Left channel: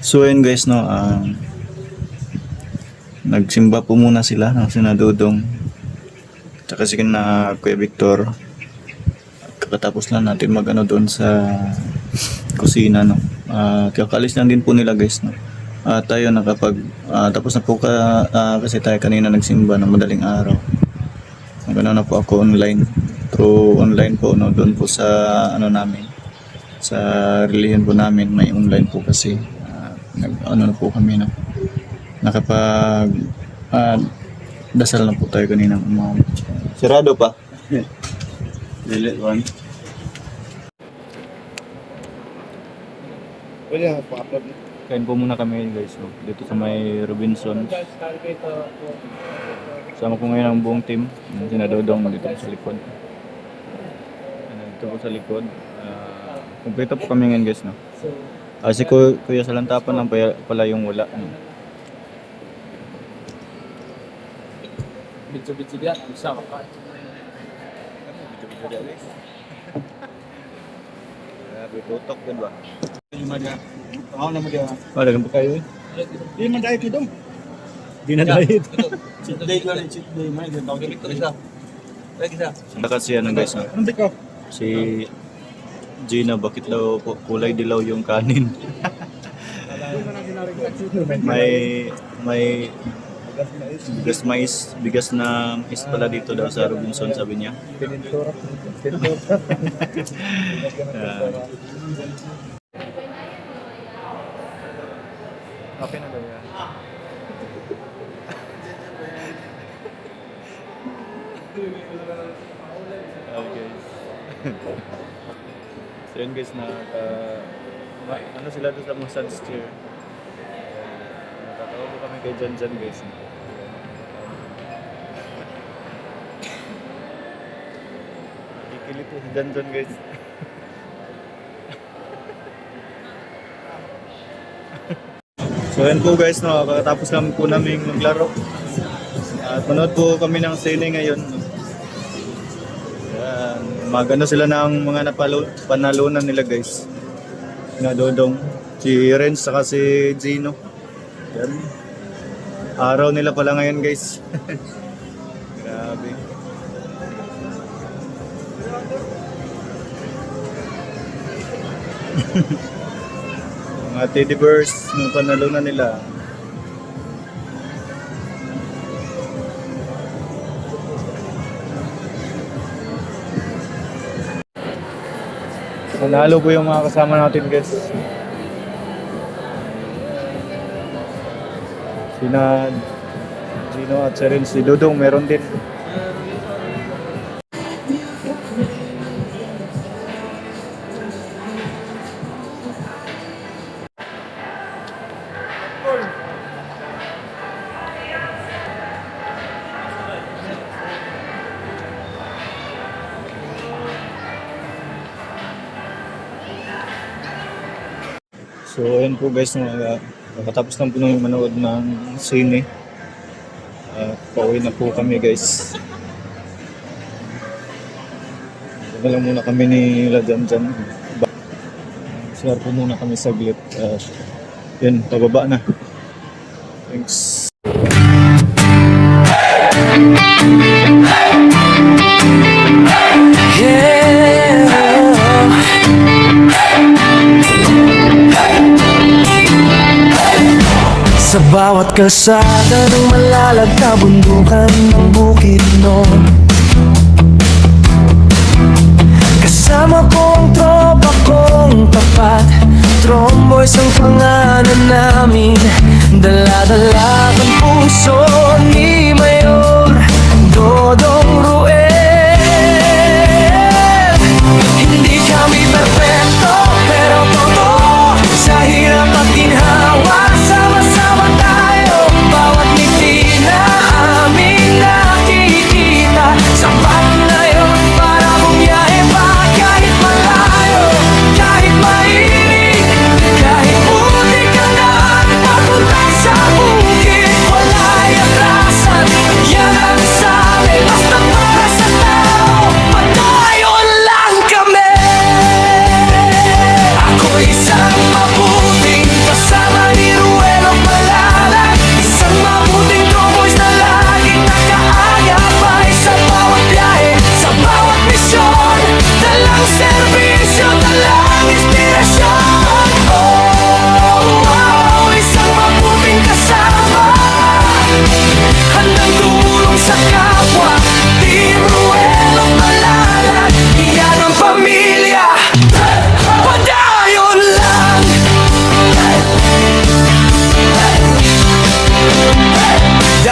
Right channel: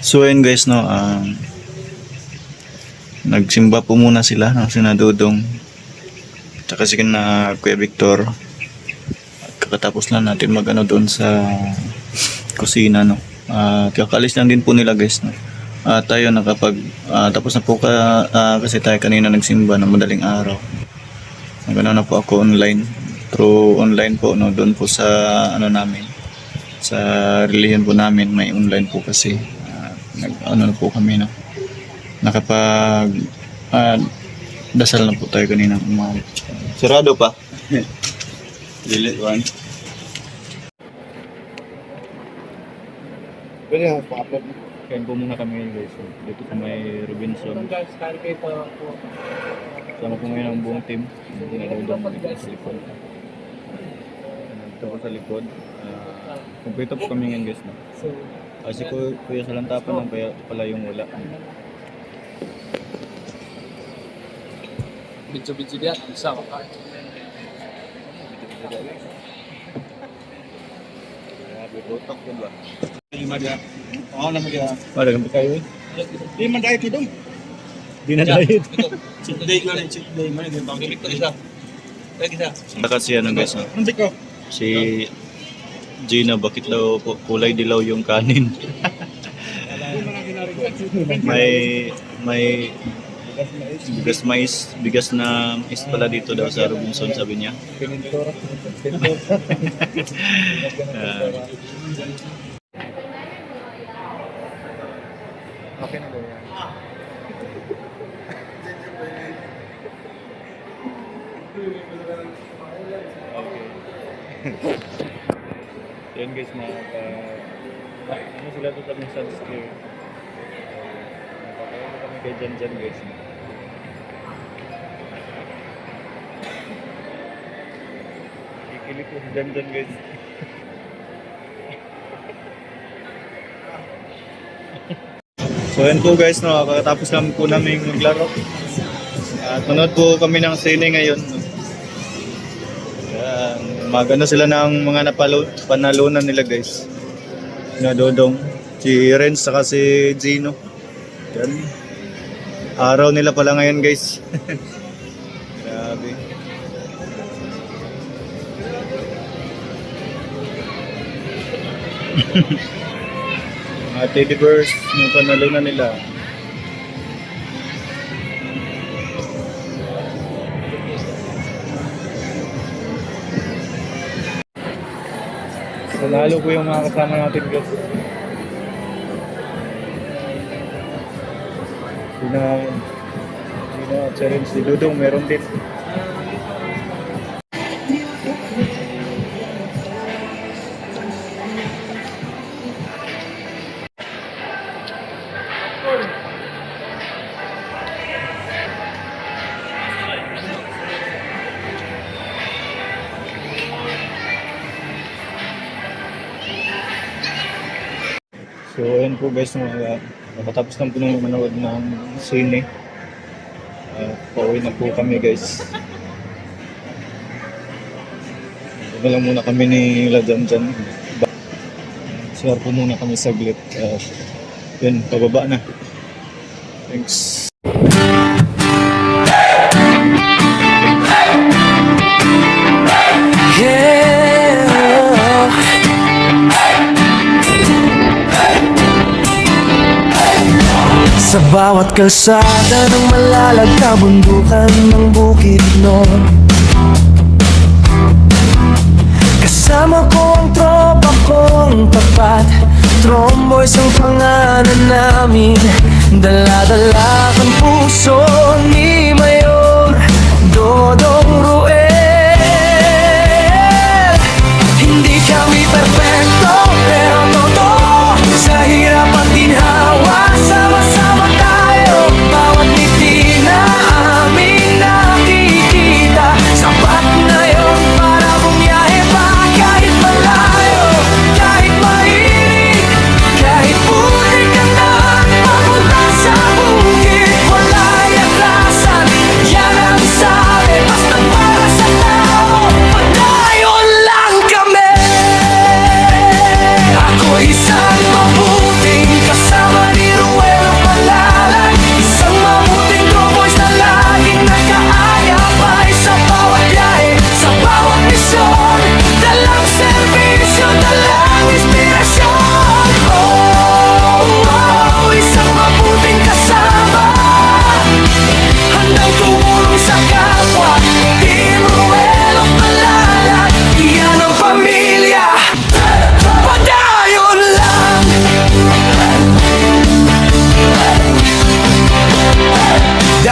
So ayun guys, no, nagsimba po muna sila ng sinadudong tsaka si na Kuya Victor. At kakatapos lang natin magano doon sa kusina, no. Kakaalis lang din po nila guys, no. Tayo tapos na po kasi tayo kanina nagsimba ng madaling araw. Nagano na po ako through online po, no, doon po sa ano namin, sa relihiyon po namin, may online po kasi na po kami, no. Nakapag dasal na po tayo kanina umaga. Sarado pa. Dilit one. Pwede nga pa-upload. Kain po muna kami guys, no, dito sa may Robinson. Sama ko ngayon ang buong team. Sinadodong dito sa likod. Dito po sa likod. Kumpleto po kami ngayon guys, no. Si Kuya Salantapan lang pala yung wala. Bidyo-bidyo diyan, isa ka pa. Bidyo-bidyo diyan guys. Grabe, tutok din ba? Lima diyan. Ako naman diyan. Wala kang kayo eh. Di man diet ito. Di na diet. Cheat day ko rin, cheat day. May ganito. Gamit ko isa. Pwede isa. Saka si ano guys, no? Hindi ko. Si Gina, bakit daw kulay dilaw yung kanin? may bigas na mais pala dito daw sa Robinson, sabi niya. Okay na daw yan. Okay. So yun guys, ano sila doon sa mga sunsteer. Natatawag ko kami kay Jan guys. Kikinig po si Jan guys. So yan po guys, no, kakatapos lang po namin maglaro. At manood po kami ng sine ngayon. No? Yan, magano sila ng mga panalunan nila guys. Dodong, si Renz saka si Gino. Yan. Araw nila pala ngayon guys. Grabe. Mga teddy bears ng panalunan nila. Panalo po yung mga kasama natin guys. Sina Gino at si Dudong meron din. So ayun po guys, nakatapos lang po nung manood ng sine. Pauwi na po kami guys. Dito lang muna kami ni Ladam dyan. Share po muna kami saglit. Yan, pababa na. Thanks. Sa bawat kalsada ng malalagkabundukan ng Bukidnon, kasama ko ang tropa kong tapat. Tromboys ang pangalan namin, dala-dala ang puso ni Mayor Dodong Ruel. Hindi kami perfecto, pero totoo, sa hirap at ginhawa, sama-sama tayo. Bawat ngiti na aming nakikita, sapat na yon para bumiyahe pa. Kahit malayo, kahit mainit, kahit putik ang daan papunta sa bukid, wala'y atrasan. Yan ang sabi, basta para sa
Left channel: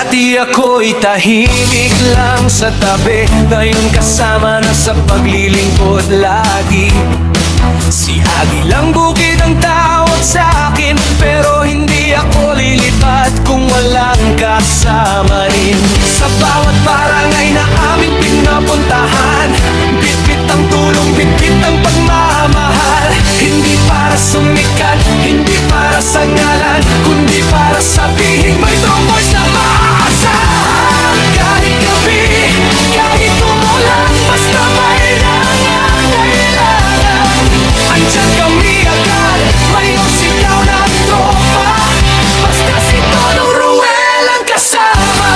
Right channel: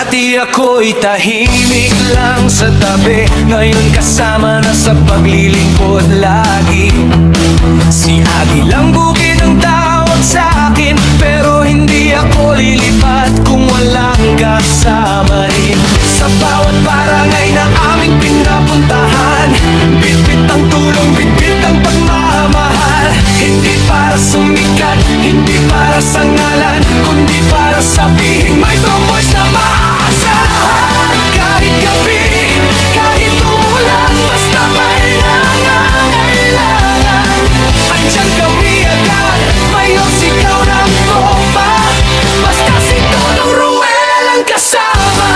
Dati ako'y tahimik lang sa tabi, ngayon kasama na sa paglilingkod lagi. Si Agilang Bukid ang tawag sa akin, pero hindi ako lilipat kung walang kasama rin. Sa bawat barangay na aming pinapuntahan, bitbit ang tulong, bitbit ang pagmamahal. Hindi para sumikat, hindi para sa ngalan, kundi para sabihin may tromboys na maaasahan. Kahit gabi, kahit umulan, basta may nangangailangan, andyan kami agad, mayor sigaw ng tropa, basta si Dodong Ruel ang kasama.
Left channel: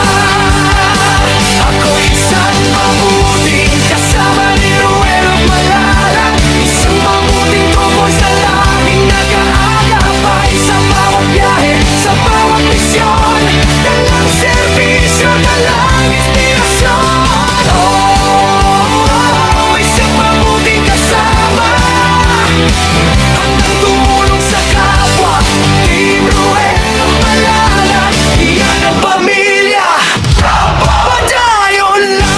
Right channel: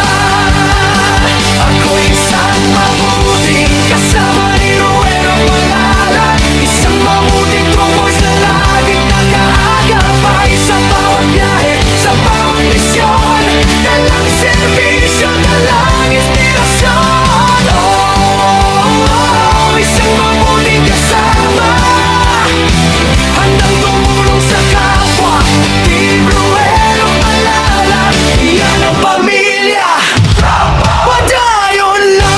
Ako'y isang mabuting kasama ni Ruel of Malalag, isang mabuting tromboys na laging nag-aagapay sa bawat biyahe, sa bawat misyon, dalang serbisyo, dalang inspirasyon. Oh, isang mabuting kasama, handang tumulong sa kapwa. Team Ruel of Malalag, iyan ang pamilya, padayon lang.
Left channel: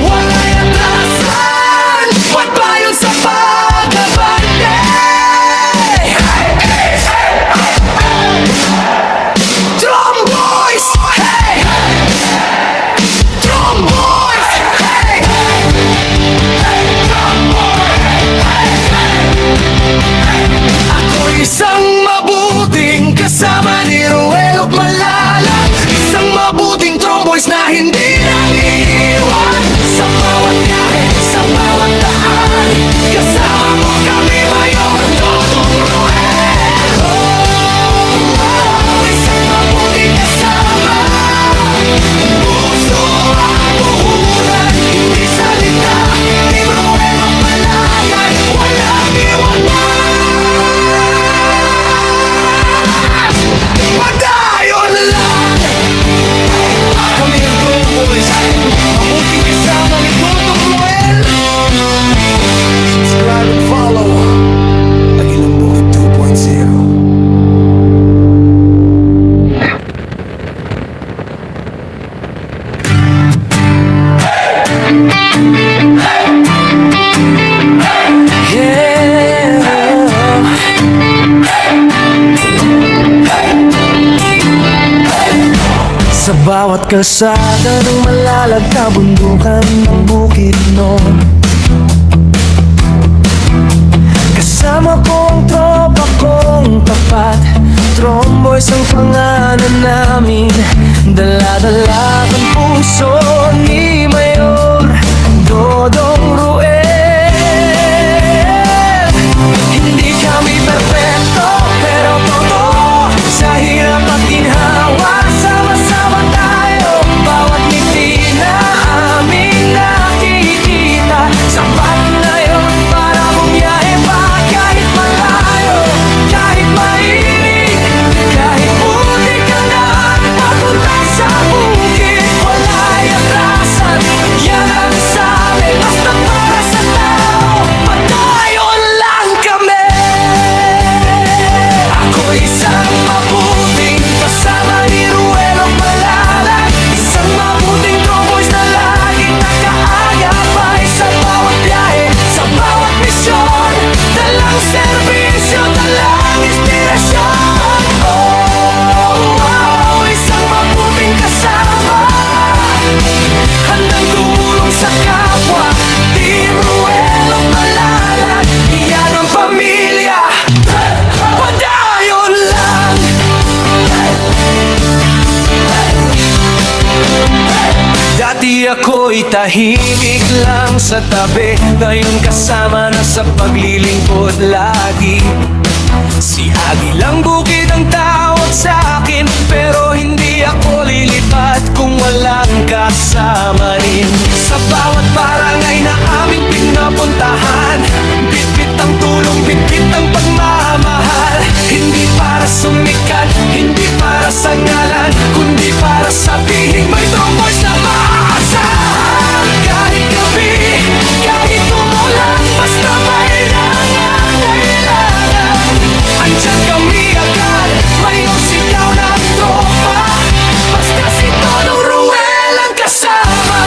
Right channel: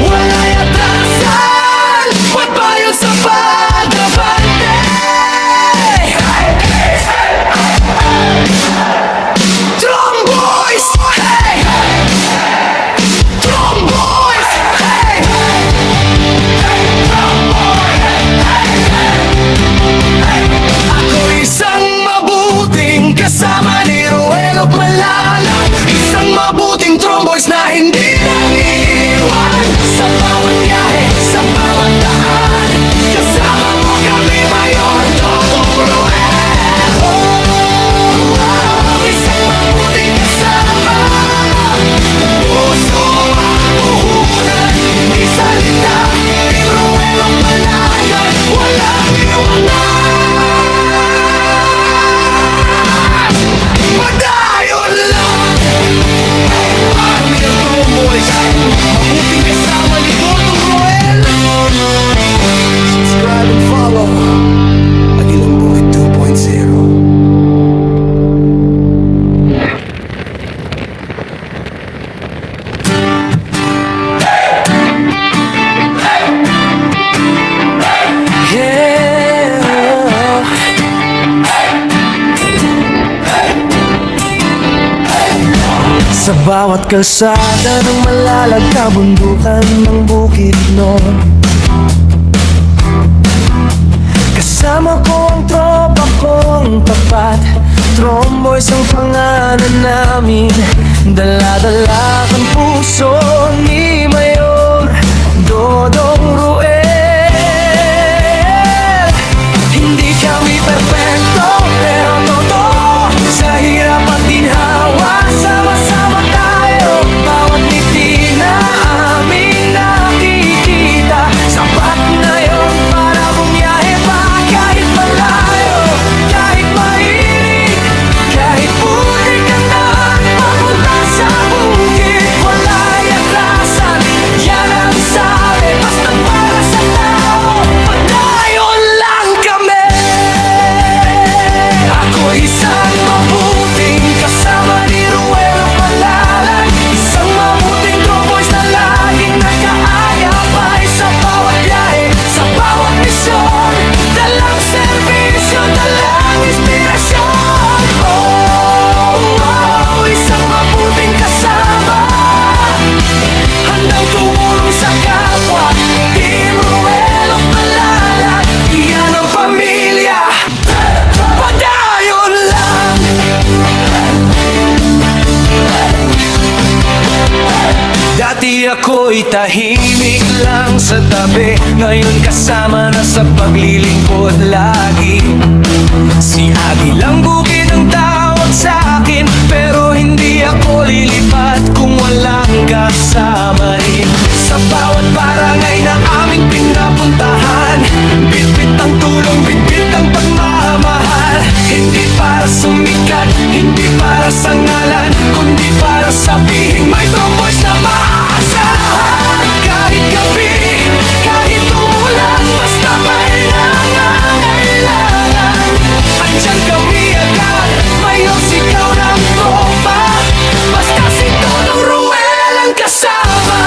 Wala'y atrasan, magpayon sa pag-abante. Tromboys, hey! Tromboys, hey! Ako isang mabuting kasama ni Ruel of Malalag, isang mabuting tromboys na hindi nang iiwan. Sa bawat biyahe, sa bawat daan, kasama mo kami, Mayor Dodong Ruel. Oh, isang mabuting kasama, puso ang puhunan, hindi salita. Team Ruel of Malalag, walang iwanan, padayon lang. Kami ang Tromboys, mabuting kasama ni Dodong Ruel. Subscribe and follow Agilang Bukid 2.0. Sa bawat kalsada ng Malalag, kabundukan ng Bukidnon, kasama ko ang tropa kong tapat. Tromboys ang pangalan namin, dala-dala ang puso ni Mayor Dodong Ruel. Hindi kami perpekto, pero totoo, sa hirap at ginhawa, sama-sama tayo. Bawat ngiti na aming nakikita, sapat na yon para bumiyahe pa. Kahit malayo, kahit mainit, kahit putik ang daan papunta sa bukid, wala'y atrasan, yan ang sabi, basta para sa tao, padayon lang kami. Ako isang mabuting kasama ni Ruel of Malalag, isang mabuting tromboys na laging nakaagapay sa bawat biyahe, sa bawat misyon, dalang serbisyo, dalang inspirasyon. Oh, isang mabuting kasama, handang tumulong sa kapwa. Team Ruel of Malalag, iyan ang pamilya, padayon lang. Dati ako'y tahimik lang sa tabi, ngayon kasama na sa paglilingkod lagi. Si Agilang Bukid ang tawag sa akin, pero hindi ako lilipat kung walang kasama rin. Sa bawat barangay na aming pinapuntahan, bitbit ang tulong, bitbit ang pagmamahal. Hindi para sumikat, hindi para sa ngalan, kundi para sabihin may tromboys na maaasahan. kasama.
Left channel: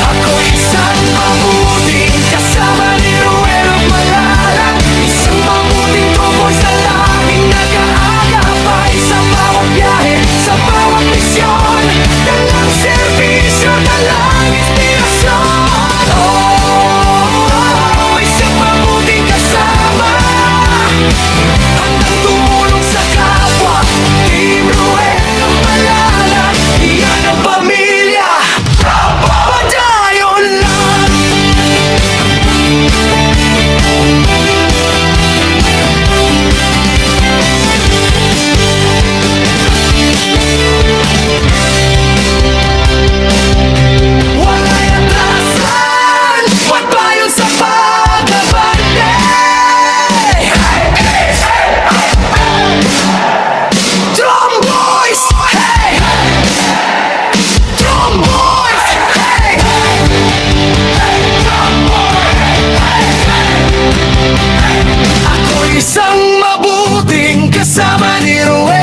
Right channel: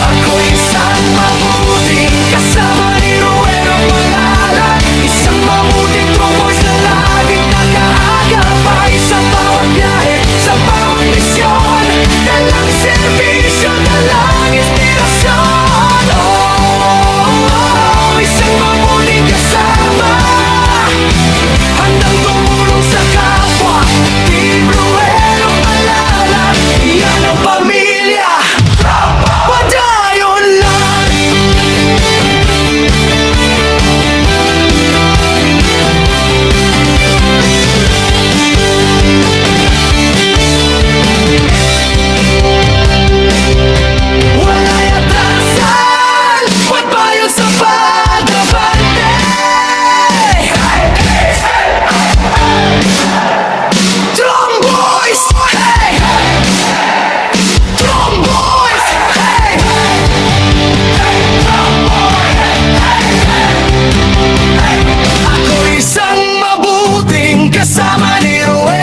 Ako isang mabuting kasama ni Ruel of Malalag. Isang mabuting tromboys na laging nag-aagapay sa bawat biyahe, sa bawat misyon. Dalang serbisyo, dalang inspirasyon. Oh, isang mabuting kasama, handang tumulong sa kapwa. Team Ruel of Malalag, yan ang pamilya. Padayon lang. Wala'y atrasan, pagpayon sa pag-abante. Tromboys, hey! Tromboys, hey! Ako isang mabuting kasama ni Ruel